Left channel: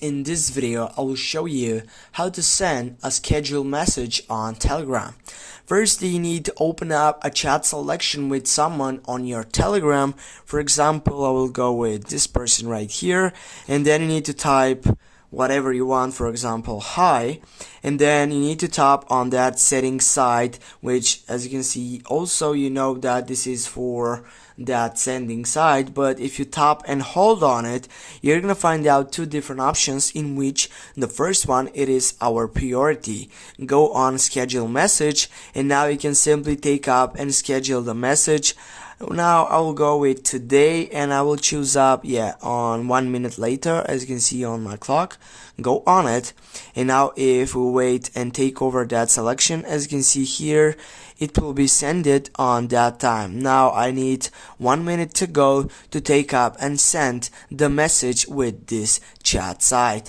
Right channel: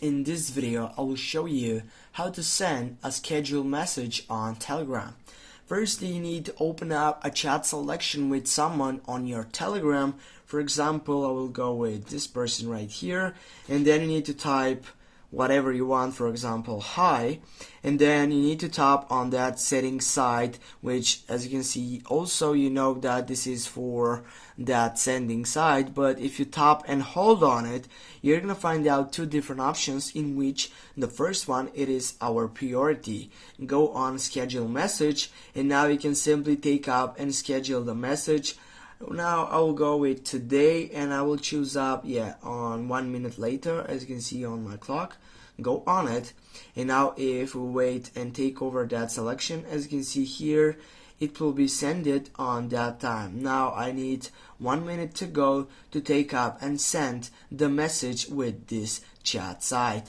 In this video, I will show you how to send a scheduled message on Telegram. First, you need to open up a chat selection with someone on your Telegram. For example, I will go with this person right here, and then you need to type whatever you want, for example, hi, and then you need to tap on that settings side, which as you can see, also you know that this is for that sending side, but if you tap and hold on it, you're gonna find out two different options, in which the first one, it is our priority. Go on schedule message, and now you can simply take up and schedule the message. Now I will go with today, and I will choose up on 1 minute later, as you can see on my clock. Go on it, and now if we wait and take over that selection, as you can see here, it will be sent on that time. Now I need 1 minute to go to take up and send the message with this chat site.